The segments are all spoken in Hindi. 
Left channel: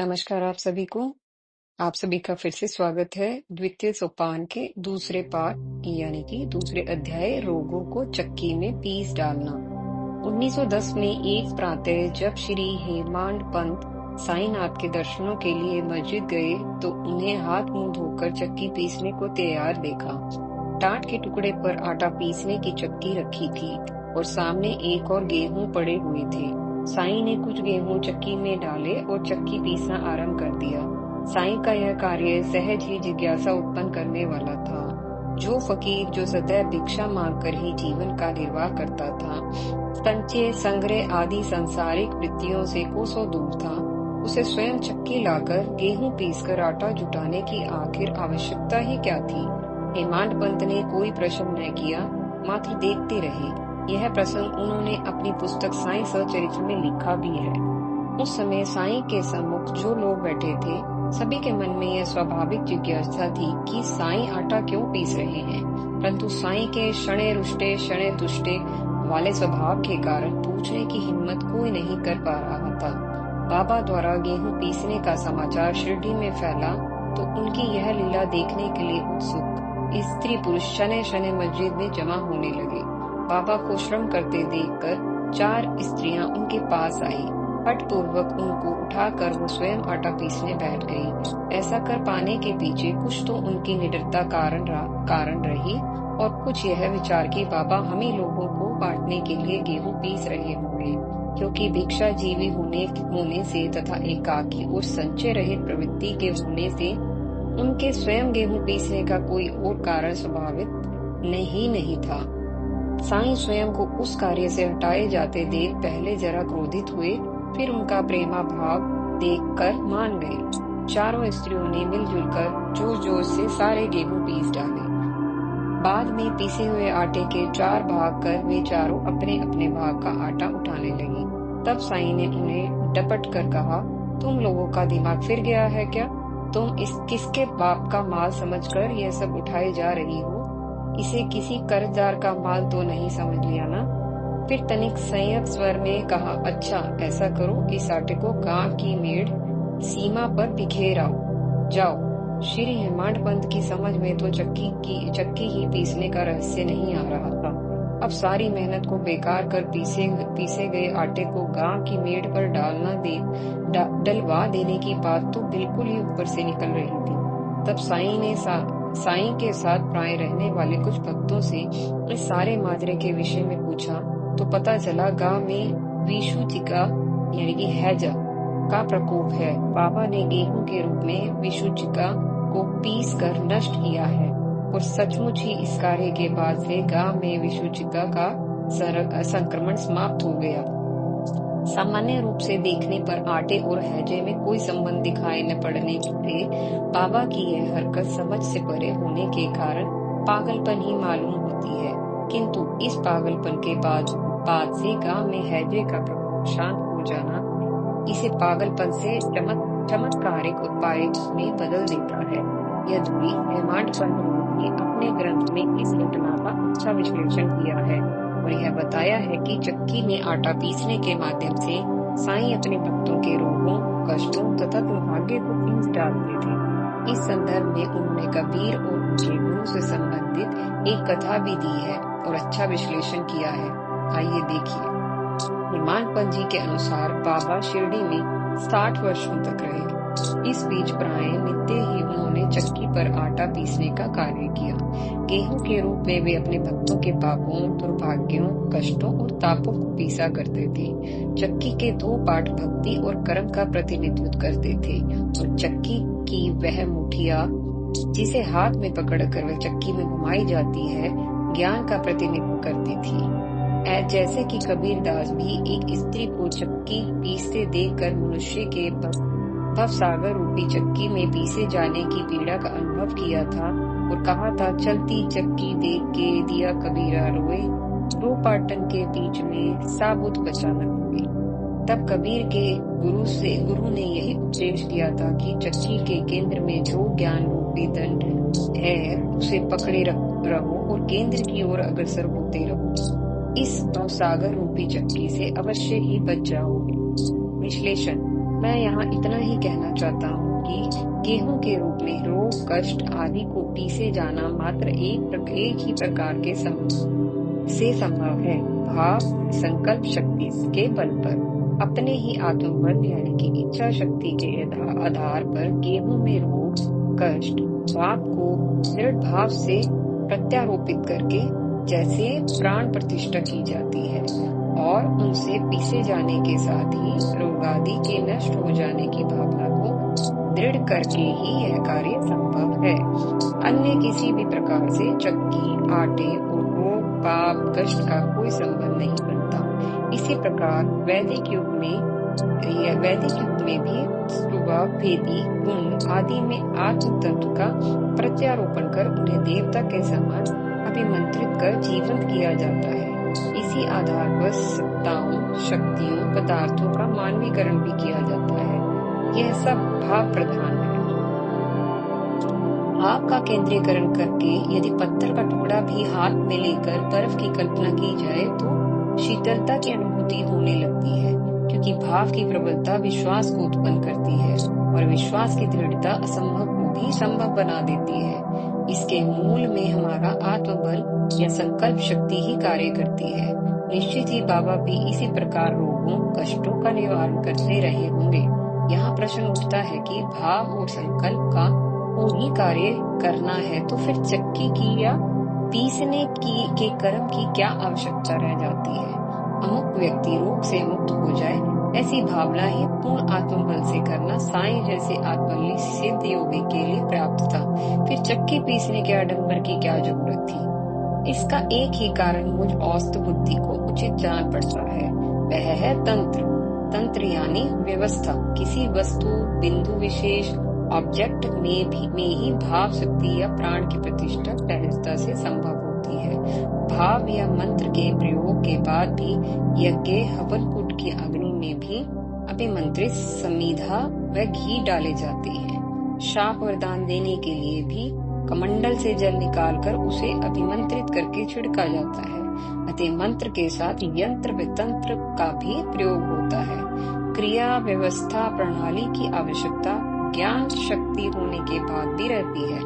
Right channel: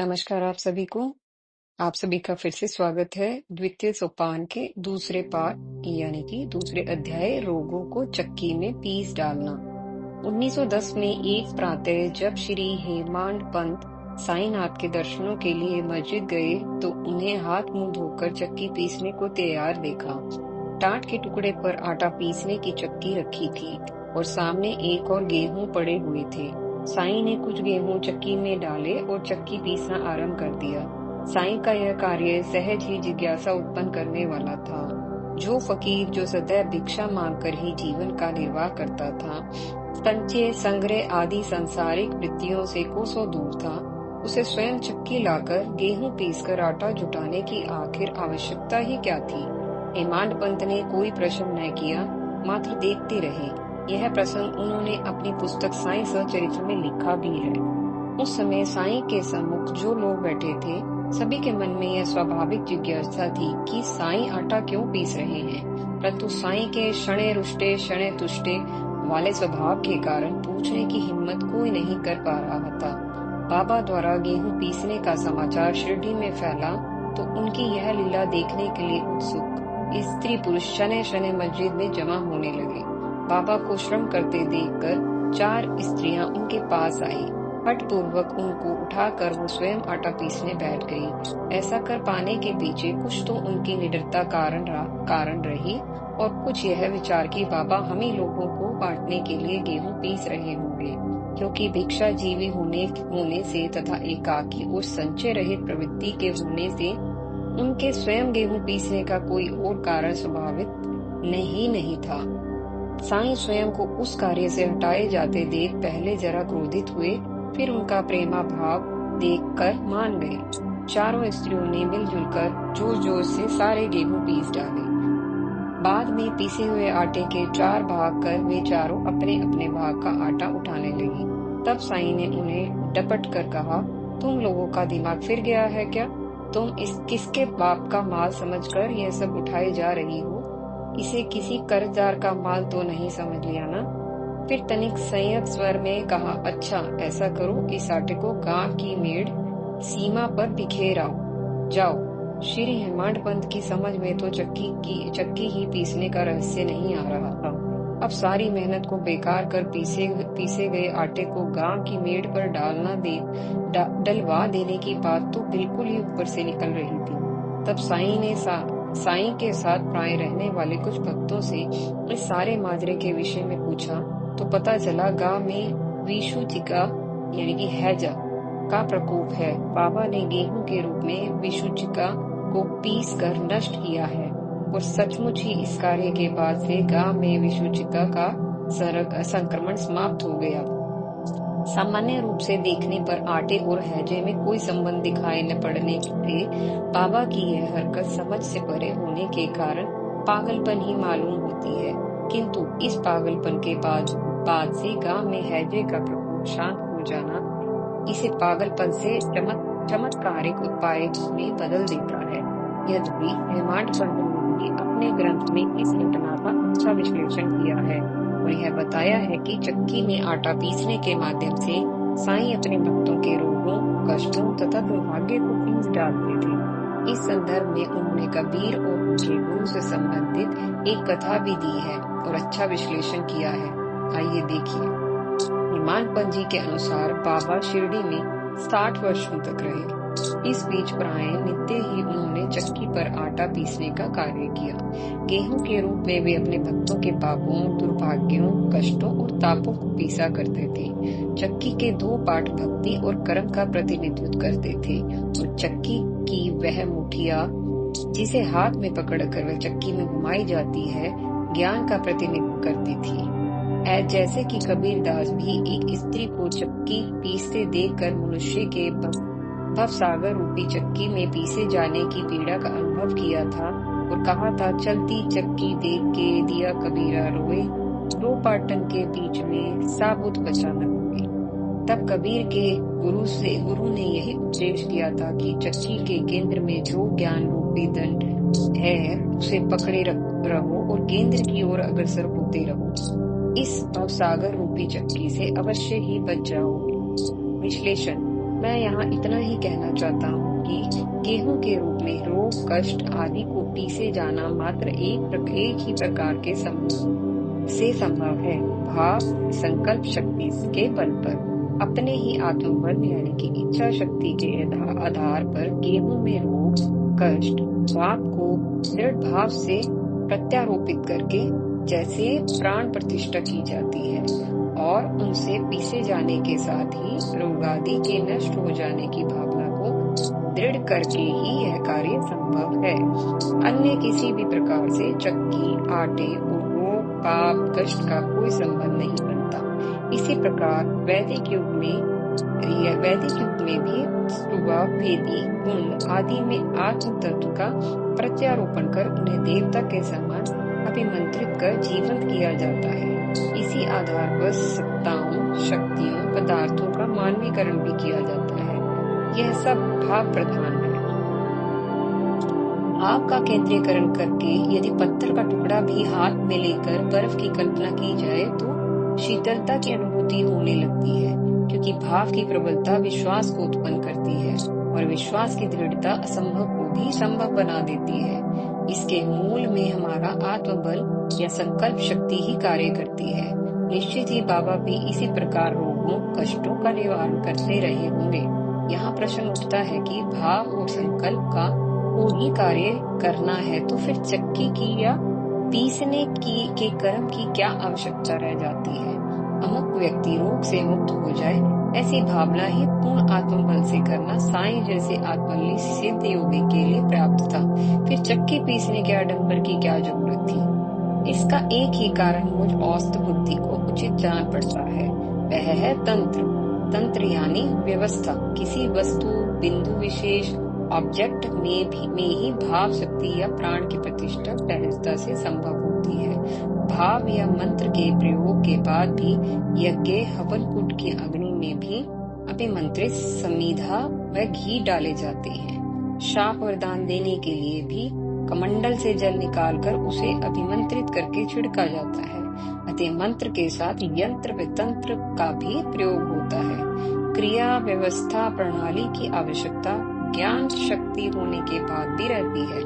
नमस्कार आप सभी को। आप सभी का फिर से स्वागत है द्वितीय सोपान के दूसरे पाठ यानी कि दूसरे अध्याय रोगों को चक्की में पीस डालना। 1910 में एक प्रातः जब श्री हेमांड पंत साईनाथ के दर्शनों के लिए मस्जिद गए तो उन्हें हाथ मुंह धोकर चक्की पीसने को तैयार देखा। टाट के टुकड़े पर आटा पीसने की चक्की रखी थी और सामने एक और गेहूं पड़े हुए थे। साईं ने कुछ गेहूं चक्की में डाले और चक्की पीसना आरंभ कर दिया। साईं का यह कार्य सहज ही जिज्ञासा उत्पन्न करने वाला था। जो फकीर जो सदैव भिक्षा मांगकर ही जीवन का निर्वाह करता था, संचय संग्रह आदि सांसारिक वृत्तियों से कोसों दूर था, उसे स्वयं चक्की लाकर गेहूं पीसकर आटा जुटाने की आखिर आवश्यकता ही क्या थी। हेमांड पंत ने कोई प्रश्न न किया, मात्र देखते रहे। यह प्रसंग उन्होंने अपनी पुस्तक साईं सचरित्र में लिखा भी है। उस समय साईं के सम्मुख जो लोग बैठे थे, सभी के मन में यह स्वाभाविक जिज्ञासा थी कि साईं आटा क्यों पीस रहे हैं, परंतु साईं के शणे रुष्टे शणे तुष्टे वाले स्वभाव के कारण पूछने की हिम्मत कोई नहीं कर पा रहा था। बाबा द्वारा गेहूं पीसने का समाचार शिरडी में फैला तो उनकी यह लीला देखने के लिए उत्सुक स्त्री पुरुष शने शने मस्जिद में जमा होने लगे। बाबा को श्रम करते देखकर 4 स्त्रियां उनके पास आई। हठ पूर्वक उनको उठाकर वो स्वयं आटा पीसने बैठ गई। ऐसा कर पाने के पीछे कुछ तो उनकी निडरता कारण रही और कुछ यह विचार कि बाबा हम ही लोगों को बांटने के लिए गेहूं पीस रहे होंगे, क्योंकि भिक्षा जीवी होने से तथा एकाकी और संचय रहित प्रवृत्ति के होने से उनके स्वयं गेहूं पीसने का कोई और कारण स्वाभाविक नहीं था। साईं स्वयं को उस कार्य से हटाए जाते देख पहले जरा क्रोधित हुए, फिर उनका प्रेमा भाव देखकर मान गए। चारों स्त्रियों ने मिलजुल कर जोर जोर से सारे गेहूं पीस डाले। बाद में पीसे हुए आटे के 4 भाग कर वे चारों अपने अपने भाग का आटा उठाने लगी। तब साईं ने उन्हें डपट कर कहा, तुम लोगों का दिमाग फिर गया है क्या? तुम इस किसके बाप का माल समझकर यह सब उठाए जा रही हो? इसे किसी कर्जदार का माल तो नहीं समझ लिया ना? फिर तनिक संयत स्वर में कहा, अच्छा ऐसा करो, इस आटे को गांव की मेड़ सीमा पर बिखेर आओ, जाओ। श्री हेमांड पंत की समझ में तो चक्की ही पीसने का रहस्य नहीं आ रहा था। अब सारी मेहनत को बेकार कर पीसे गए आटे को गांव की मेड़ पर डलवा देने की बात तो बिल्कुल ही ऊपर से निकल रही थी। तब साईं के साथ प्राय रहने वाले कुछ भक्तों से इस सारे माजरे के विषय में पूछा तो पता चला गांव में विषुचिका यानी कि हैजा का प्रकोप है। बाबा ने गेहूं के रूप में विषुचिका को पीस कर नष्ट किया है और सचमुच ही इस कार्य के बाद से गांव में विषुचिका का संक्रमण समाप्त हो गया। सामान्य रूप से देखने पर आटे और हैजे में कोई संबंध दिखाई न पड़ने से बाबा की यह हरकत समझ से परे होने के कारण पागलपन ही मालूम होती है, किंतु इस पागलपन के बाद से गांव में हैजे का प्रकोप शांत हो जाना इसे पागलपन से चमत्कारिक उपाय में बदल देता है। यद्यपि हेमांड पंत ने भी अपने ग्रंथ में इस घटना का अच्छा विश्लेषण किया है और यह बताया है कि चक्की में आटा पीसने के माध्यम से साईं अपने भक्तों के रोगों, कष्टों तथा दुर्भाग्य को पीस डालते थे। इस संदर्भ में उन्होंने कबीर और उनके गुरु से संबंधित एक कथा भी दी है और अच्छा विश्लेषण किया है। आइए देखिए। हेमांड पंत जी के अनुसार बाबा शिरडी में 60 वर्षों तक रहे। इस बीच प्राय नित्य ही उन्होंने चक्की पर आटा पीसने का कार्य किया। गेहूं के रूप में वे अपने भक्तों के पापों, दुर्भाग्यों, कष्टों और तापों को पीसा करते थे। चक्की के 2 पार्ट भक्ति और कर्म का प्रतिनिधित्व करते थे और चक्की की वह मुठिया जिसे हाथ में पकड़कर वह चक्की में घुमाई जाती है, ज्ञान का प्रतिनिधित्व करती थी। जैसे कि कबीर दास भी एक स्त्री को चक्की पीसते देखकर मनुष्य के भवसागर रूपी चक्की में पीसे जाने की पीड़ा का अनुभव किया था और कहा था, चलती चक्की देख के दिया कबीरा रोए, 2 पाटन के बीच में साबुत बचा न कोई। तब कबीर के गुरु ने यही उपदेश दिया था कि चक्की के केंद्र में जो ज्ञान रूपी दंड है उसे पकड़े रहो और केंद्र की ओर अग्रसर होते रहो। इस भवसागर रूपी चक्की से अवश्य ही बच जाओगे। विश्लेषण। मैं यहाँ इतना ही कहना चाहता हूँ कि गेहूं के रूप में रोग, कष्ट आदि को पीसे जाना मात्र एक ही प्रकार के से संभव है, भाव संकल्प शक्ति के बल पर। अपने ही आत्मबल यानी कि इच्छा शक्ति के आधार पर गेहूं में रोग, कष्ट, पाप को दृढ़ भाव से प्रत्यारोपित करके जैसे प्राण प्रतिष्ठा की जाती है और उनसे पीसे जाने के साथ ही रोगादि के नष्ट हो जाने की भावना को दृढ़ करके ही यह कार्य संभव है। अन्य किसी भी प्रकार से चक्की, आटे और रोग, पाप, कष्ट का कोई संबंध नहीं बनता। इसी प्रकार वैदिक युग में भी स्वभाव भेदी गुण आदि में आत्म तत्व का प्रत्यारोपण कर उन्हें देवता के समान अभिमंत्रित कर जीवंत किया जाता है। इसी आधार पर सत्ताओं, शक्तियों, पदार्थों का मानवीकरण भी किया जाता है। यह सब भाव प्रधान है। भाव का केंद्रीकरण करके यदि पत्थर का टुकड़ा भी हाथ में लेकर बर्फ की कल्पना की जाए तो शीतलता की अनुभूति होने लगती है, क्योंकि भाव की प्रबलता विश्वास को उत्पन्न करती है और विश्वास की दृढ़ता असंभव को भी संभव बना देती है। इसके मूल में हमारा आत्मबल या संकल्प शक्ति ही कार्य करती है। निश्चित ही बाबा भी इसी प्रकार रोगों, कष्टों का निवारण करते रहे होंगे। यहाँ प्रश्न उठता है कि भाव और संकल्प का को ही कार्य करना है तो फिर चक्की की या पीसने के कर्म की क्या आवश्यकता रह जाती है। अमुक व्यक्ति रोग से मुक्त हो जाए, ऐसी भावना ही पूर्ण आत्मबल से करना साईं जैसे आत्मबली सिद्ध योगी के लिए प्राप्त था। फिर चक्की पीसने के आडंबर की क्या जरूरत थी। इसका एक ही कारण मुझ औस्त बुद्धि को उचित जान पड़ता है, वह है तंत्र यानी व्यवस्था। किसी वस्तु, बिंदु विशेष, ऑब्जेक्ट में ही भाव शक्ति या प्राण की प्रतिष्ठा सहजता से संभव होती है। भाव या मंत्र के प्रयोग के बाद भी यज्ञ, हवन कुंड की अग्नि में भी अभिमंत्रित समीधा व घी डाले जाते हैं। शाप वरदान देने के लिए भी कमंडल से जल निकालकर उसे अभिमंत्रित करके छिड़का जाता है। अतः मंत्र के साथ यंत्र व तंत्र का भी प्रयोग होता है। क्रिया, व्यवस्था, प्रणाली की आवश्यकता ज्ञान शक्ति होने के बाद भी रहती है।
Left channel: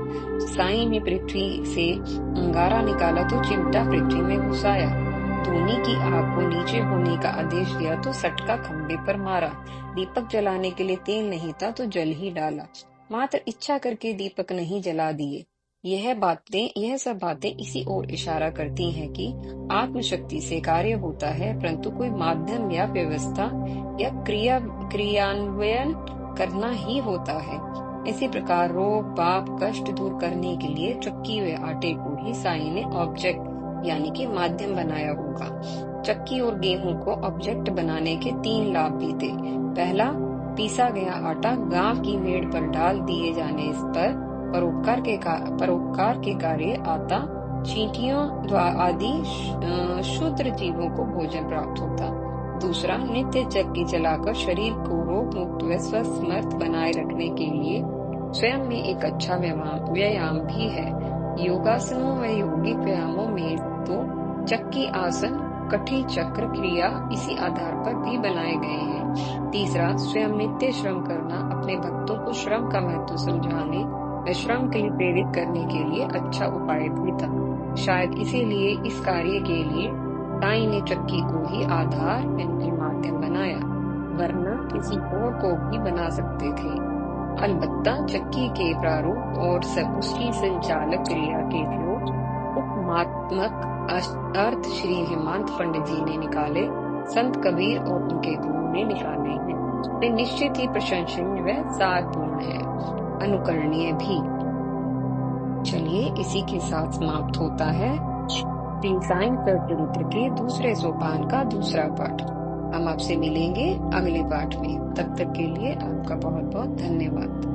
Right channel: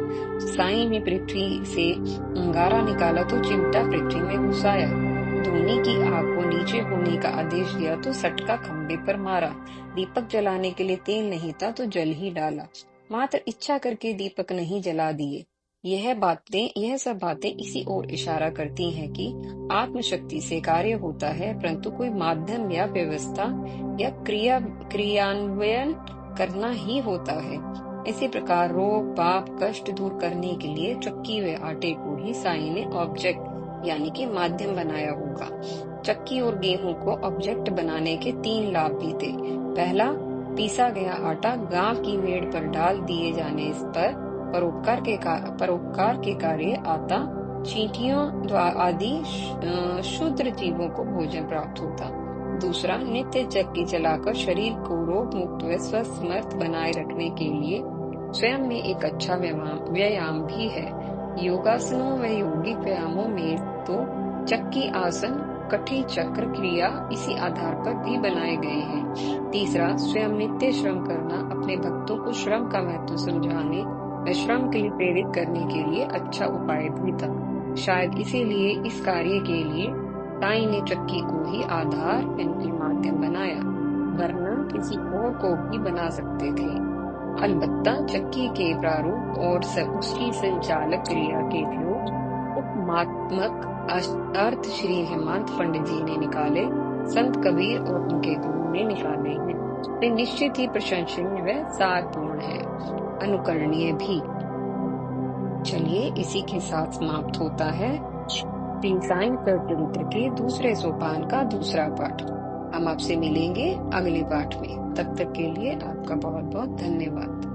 साईं ने पृथ्वी से अंगारा निकाला तो चिमटा पृथ्वी में घुसाया, धूनी की आग को नीचे होने का आदेश दिया तो सटका खंबे पर मारा, दीपक जलाने के लिए तेल नहीं था तो जल ही डाला, मात्र इच्छा करके दीपक नहीं जला दिए। यह सब बातें इसी ओर इशारा करती हैं कि आत्मशक्ति से कार्य होता है, परंतु कोई माध्यम या व्यवस्था या क्रियान्वयन करना ही होता है। इसी प्रकार रोग, पाप, कष्ट दूर करने के लिए चक्की व आटे को ही साईं ने ऑब्जेक्ट यानी कि माध्यम बनाया होगा। चक्की और गेहूं को ऑब्जेक्ट बनाने के 3 लाभ भी थे। पहला, पीसा गया आटा गांव की मेड़ पर डाल दिए जाने पर परोपकार के कार्य आता, चींटियों आदि शूद्र जीवों को भोजन प्राप्त होता। दूसरा, नित्य चक्की चलाकर शरीर को रोग मुक्त व स्वस्थ बनाए रखने के लिए स्वयं में एक अच्छा व्यायाम भी है। योगासनों व योगिक व्यायामों में तो चक्की, आसन, कठी, चक्र, क्रिया इसी आधार पर भी बनाए गए हैं। तीसरा, स्वयं नित्य श्रम करना अपने भक्तों को श्रम का महत्व समझाने व श्रम के लिए प्रेरित करने के लिए अच्छा उपाय भी था। शायद इसीलिए इस कार्य के लिए साईं ने चक्की को ही आधार यानी माध्यम बनाया, वरना किसी और को भी बना सकते थे। अलबत्ता चक्की के प्रारूप और उसकी संचालक क्रिया के जो उपमात्मक अर्थ श्री हेमंत पंडित जी ने निकाले, संत कबीर और उनके गुरु ने निकाले हैं, वे निश्चित ही प्रशंसनीय व सारपूर्ण है, अनुकरणीय भी। चलिए, इसी के साथ समाप्त होता है श्री साईं चरित्र के दूसरे सोपान का दूसरा पाठ। हम आपसे मिलेंगे अगले पाठ में। तब तक के लिए आपका बहुत बहुत धन्यवाद।